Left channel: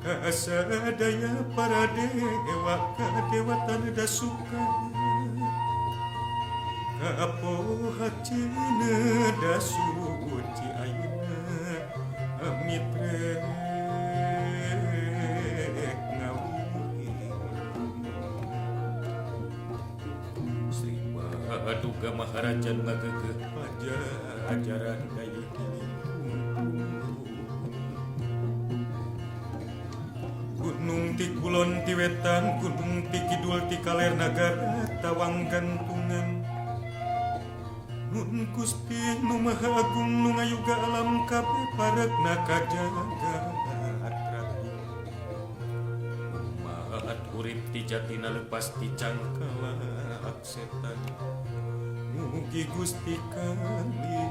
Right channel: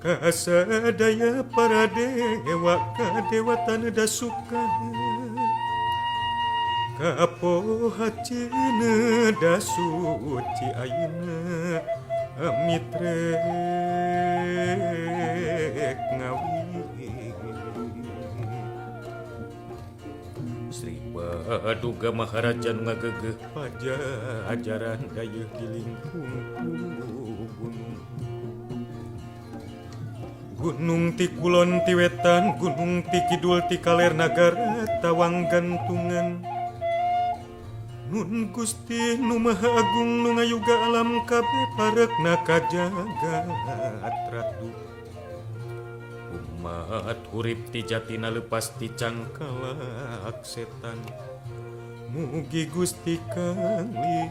kasadaya para dewa kadewatan dasukan kapohacina dasuci ayeuna mitrek ngawi Sri Paduka Maharaja nu ngagegeh pajajaran dayeuh di lingkung Gunung ti kulon ti wetan gunung ti kidul ti kaler nagara tawang gantungan Nun Gusti nu Maha Agung nu ngayuga alam kabeh parekna kajagat ratu umat urip ti jatina leupas ti cangkalak setan mugi Gusti kali